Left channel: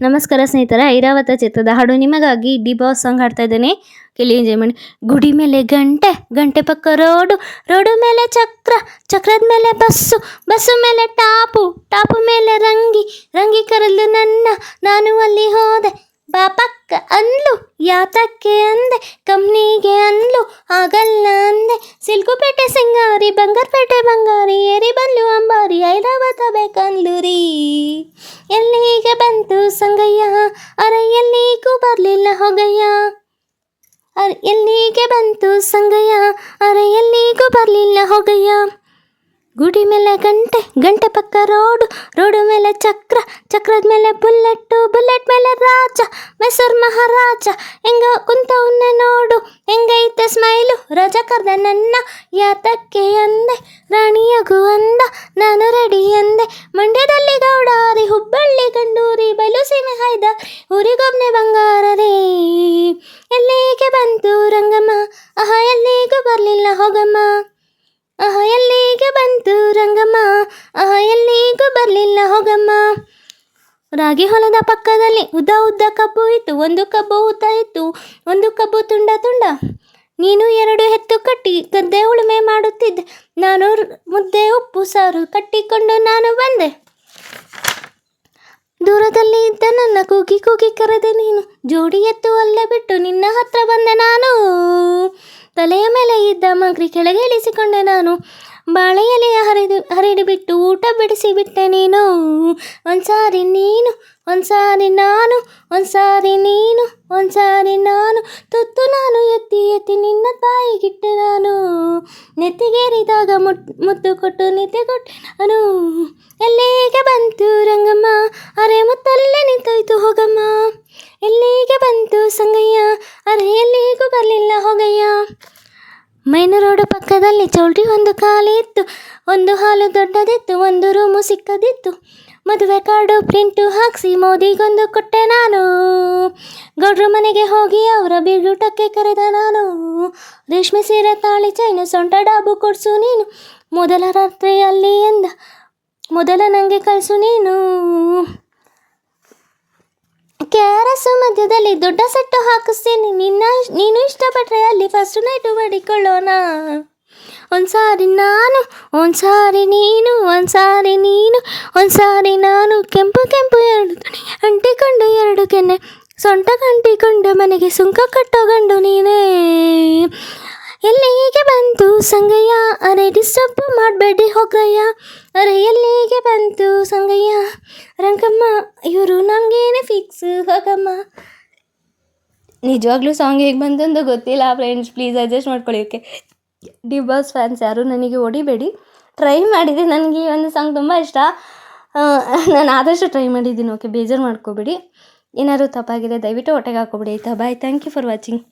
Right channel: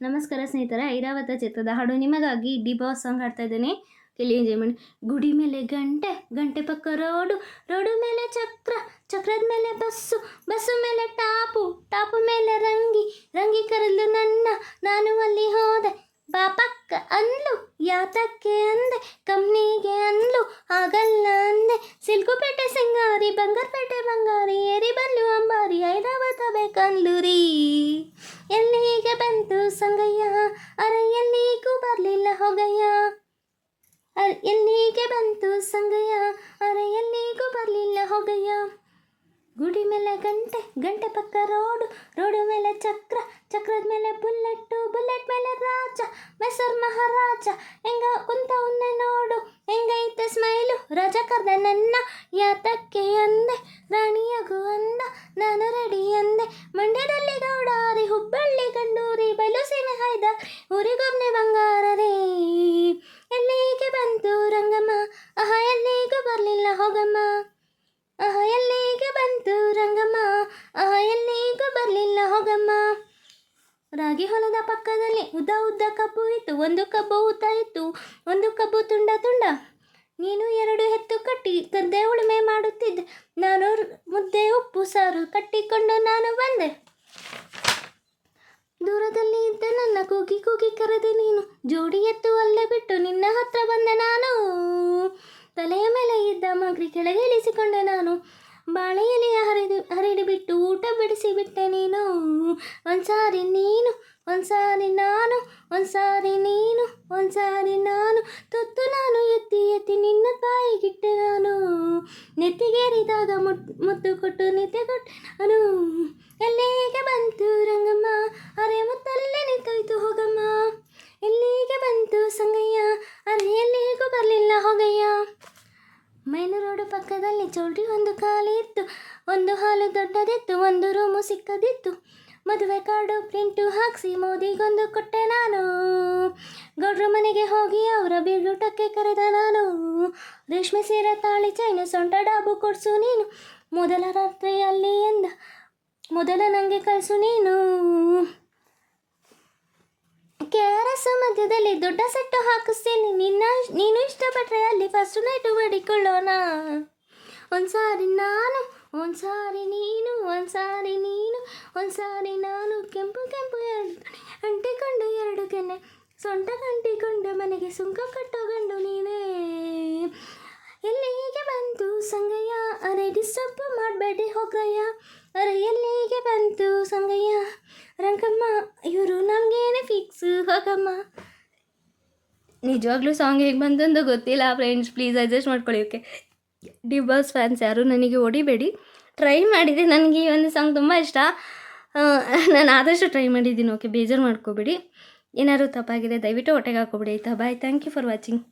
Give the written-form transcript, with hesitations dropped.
ನಮಸ್ಕಾರ ಸ್ನೇಹಿತರೆ, ಐರಾವತ ಚಿತ್ರದ ಹಾಡು ನಿಮಗಾಗಿ ಡಿ ಬಾಸ್ ಸಾಂಗ್ ಹಾಡ್ತಾ ಇದ್ದೇನೆ. ಕೇಳಿ ಎಂಜಾಯ್ ಮಾಡಿ. ಗುಡಿ ಮೇಲೆ ಗಂಟೆ, ಗಂಟೆ ಪಕ್ಕ ರೋಡು, ರೋಡು ಮೇಲೆ ಚಕ್ರ, ಚಕ್ರದ ಮೇಲೆ ಬಸ್ಸು, ಬಸ್ಸು ಮೇಲೆ ಟಾಪು, ಟಾಪು ಮೇಲೆ ರಂಗಿ, ರಂಗಿ ಕರೆದು ನನ್ನ, ನಾನು ಅಲ್ಲಿ ಹೋದೆ. ಬಾಪಕ್ಕ ಅಂದ್ಲು, ಯಾತಕ್ಕೆ ಅಂದೆ, ಕಂಪ್ನಿಗೆ ಅಂದ್ಲು, ಆಗಲ್ಲ ಅಂದೆ. ಸಿಲ್ಕುಪೇಟೆ ಸಿಂಗಾರಿ, ಬಂಗಾರಪೇಟೆ ಬಂಗಾರಿ, ಏರಿ ಬಲ್ಲು ಅಂಬಾರಿ, ಐರಾವತ ಬೇಕಂದ್ಲು ರೀ. ಎಲ್ಲಿಗೆ ಬಂತು ಸಂಗಯ್ಯ, ಅರ ಎಲ್ಲಿಗೂ ಬರಲಿಲ್ಲ ಹೋಗಯ್ಯ. ಎಲ್ಲಿಗೆ ಬಂತು ಸಂಗಯ್ಯ, ಅರ ಎಲ್ಲಿಗೂ ಬರಲಿಲ್ಲ ಹೋಗಯ್ಯ. ಗುಡಿ ಮೇಲೆ ಗಂಟೆ, ಗಂಟೆ ಪಕ್ಕ ರೋಡು, ರೋಡು ಮೇಲೆ ಚಕ್ರ, ಚಕ್ರದ ಮೇಲೆ ಬುಲ್ಲೆಟ್ಟು, ಬುಲ್ಲೆಟ್ ಮೇಲೆ ರಾಜ, ಮೈಸೂರು ಮಹಾರಾಜ. ಹೆಂಗ ಕುಂತವನ್ನೇ ನೋಡು, ಹೆಂಗೈತೆ ಸ್ಮೈಲು, ರಾಜ ಕರ್ದ ನನ್ನ, ಯಾತಕ್ಕೆ ಅಂದೆ, ರಾಣಿಯಾಗು ಅಂದ, ನಾನು ರೆಡಿ ಅಂದೆ. ಮಂಡ್ಯದಲ್ಲಿ ಗೌಡಾರಿ, ಹುಬ್ಬಳ್ಳಿ ಗಂಡೂರಿ, ಬಯಲುಸೀಮೆ ಹೈದ, ಊರಿಗೊಬ್ಬನೇ ಬಂಗಾರ ರೇ. ಎಲ್ಲಿಗೆ ಬಂತು ರಂಗಮ್ಮ, ಆಹ ಎಲ್ಲಿಗೂ ಬರಲಿಲ್ಲ ಹೋಗಮ್ಮ. ಆಹ ಎಲ್ಲಿಗೆ ಬಂತು ರಂಗಮ್ಮ, ಆಹ ಎಲ್ಲಿಗೂ ಬರಲಿಲ್ಲ ಹೋಗಮ್ಮ. ರಾಗಿ ಹೊಲದ ಪಕ್ಕದಲ್ಲಿ ಉದ್ದ ಉದ್ದ ಕಬ್ಬು ಇತ್ತು, ಒಂದು ಕಬ್ಬು ಉದ್ದ ಇತ್ತು, ಒಂದು ಕಬ್ಬು ತುಂಡ ತುಂಡ. ನೀನು ಎರಡು ಹೆತ್ತು ಕಟ್ಟಿ ಗದ್ದೆ ಉಳುಮೆ ಮಾಡುತ್ತಿದ್ದೆ, ನಾನು ಮುದ್ದೆ ಉಪ್ಪು ಸಾರು ಕಟ್ಟಿಕೊಂಡು ನಾನು ಬಂದೆ. ದೂರದಲ್ಲಿ ಇದ್ದ ನನ್ನ ಕೂಗಿ ಕೂಗಿ ಕರೆದೆ ನೀನು, ಜೋಡಿ ಎತ್ತು ಅಲ್ಲೇ ಬಿಟ್ಟು ನಿನ್ನ ಹತ್ರ ಬಂದೆ ನಾನು. ತಲೆಯ ಮೇಲೆ ಇದ್ದ ಮಗ್ರಿ ಕೆಳಗೆ ಇಳಿಸಿಕೊಂಡೆ ನಾನು, ಬಾಳೆ ಎಲೆಯ ಹರಿದು ಊಟ ಬಿಡಿಸಿ ಬಿಟ್ಟೆ ನೀನು. ಒಂದ್ಸಾರಿ ನೀನು, ಒಂದ್ಸಾರಿ ನಾನು, ಒಂದ್ಸಾರಿ ನೀನು, ಒಂದ್ಸಾರಿ ನಾನು, ತುತ್ತು ನಾನು ಎತ್ತಿ ಎತ್ತಿ ನಿನ್ನ ತಾಯಿಗಿಟ್ಟೆ ನಾನು. ನೆತ್ತಿಗೇರಿದಾಗ ಮುತ್ತು ಕೊಟ್ಟು ನಿದ್ದೆ ಕೊಟ್ಟೆ ನಾನು. ಎಲ್ಲಿಗೆ ಬಂತು ರಂಗಮ್ಮ, ಅರೆ ಮುತ್ತಲ್ಲೇ ನಿಂತೋಯ್ತು ಹೋಗಮ್ಮ. ಎಲ್ಲಿಗೆ ಬಂತು ಸಂಗಯ್ಯ, ಅರೆ ಎಲ್ಲಿಗೂ ಬರಲಿಲ್ಲ ಹೋಗಯ್ಯ. ಮೈನು ರೋಡು ಪಕ್ಕದಲ್ಲಿ ಚೌಲ್ಟ್ರಿ ಒಂದು ಖಾಲಿ ಇತ್ತು, ಒಂದು ಹಾಲು ದೊಡ್ಡದಿತ್ತು, ಒಂದು ರೂಮು ಸಿಕ್ಕದಿತ್ತು. ಮದುವೆ ಕಾರ್ಡು ಪ್ರಿಂಟು ಹಾಕಿಸಿ ಮೋದಿಗೊಂದು ಕೊಟ್ಟೆ ನಾನು. ಗೌಡ್ರ ಮನೆಗೆ ಹೋಗಿ ಅವರ ಬೀಗೂಟಕ್ಕೆ ಕರೆದ ನಾನು. ರೇಷ್ಮೆ ಸೀರೆ ತಾಳಿ ಚೈನು ಸೊಂಟ ಡಾಬು ಕೊಡ್ಸು ನೀನು, ಮೊದಲ ರಾತ್ರಿಯಲ್ಲಿ ಎಂದ, ಮೊದಲ ನನಗೆ ಕಳಿಸು ನೀನು. KRS ಮಧ್ಯದಲ್ಲಿ ದೊಡ್ಡ ಸೆಟ್ಟು ಹಾಕಿಸ್ತೀನಿ, ನೀನು ಇಷ್ಟಪಟ್ಟರೆ ಅಲ್ಲಿ ಫಸ್ಟ್ ನೈಟು ಮಾಡಿಕೊಳ್ಳೋಣ. ಒಂದ್ಸಾರಿ ನಾನು, ಒಂದ್ಸಾರಿ ನೀನು, ಒಂದ್ಸಾರಿ ನೀನು, ಒಂದ್ಸಾರಿ ನಾನು. ಕೆಂಪು ಕೆಂಪು ಎರಡು ತುಣಿ ಅಂಟಿಕೊಂಡು ಎರಡು ಕೆನ್ನೆ, ಸೊಂಟ ಕಂಟಿಕೊಂಡು ಮನೆಗೆ ಸುಂಕ ಕಟ್ಟೋ ಗಂಡು ನೀನೇ. ಎಲ್ಲಿಗೆ ಬಂತು ಸಂಗಯ್ಯ, ಅರೆ ಡಿಸ್ಟರ್ಬ್ ಮಾಡಬೇಡಿ ಹೋಗಯ್ಯ. ಅರೆ ಎಲ್ಲಿಗೆ ಬಂತು ಸಂಗಯ್ಯ, ರಂಗಮ್ಮ ಇವರು ನಮಗೇನೆ ಫಿಕ್ಸು ಹೋಗಮ್ಮ. ನಿಜವಾಗ್ಲೂ ಸಾಂಗ್ ಹೇಗೆ ಬಂತಂದು ಗೊತ್ತಿಲ್ಲ ಫ್ರೆಂಡ್ಸ್, ಪ್ಲೀಸ್ ಅಡ್ಜಸ್ಟ್ ಮಾಡ್ಕೊಳ್ಳಿ. ಓಕೆ, ಡಿ ಬಾಸ್ ಫ್ಯಾನ್ಸ್ ಯಾರು ನನಗೆ ಹೊಡಿಬೇಡಿ. ಟ್ರೈ ಮಾಡಿದೆ, ನನಗೆ ಈ ಒಂದು ಸಾಂಗ್ ತುಂಬ ಇಷ್ಟ, ನಾನು ಆದಷ್ಟು ಟ್ರೈ ಮಾಡಿದ್ದೀನಿ. ಓಕೆ, ಬೇಜಾರು ಮಾಡ್ಕೋಬೇಡಿ. ಏನಾದರೂ ತಪ್ಪಾಗಿದೆ ದಯವಿಟ್ಟು ಹೊಟ್ಟೆಗೆ ಹಾಕೋಬೇಡಿ ಆಯಿತಾ. ಬಾಯ್, ಥ್ಯಾಂಕ್ ಯು ಫಾರ್ ವಾಚಿಂಗ್.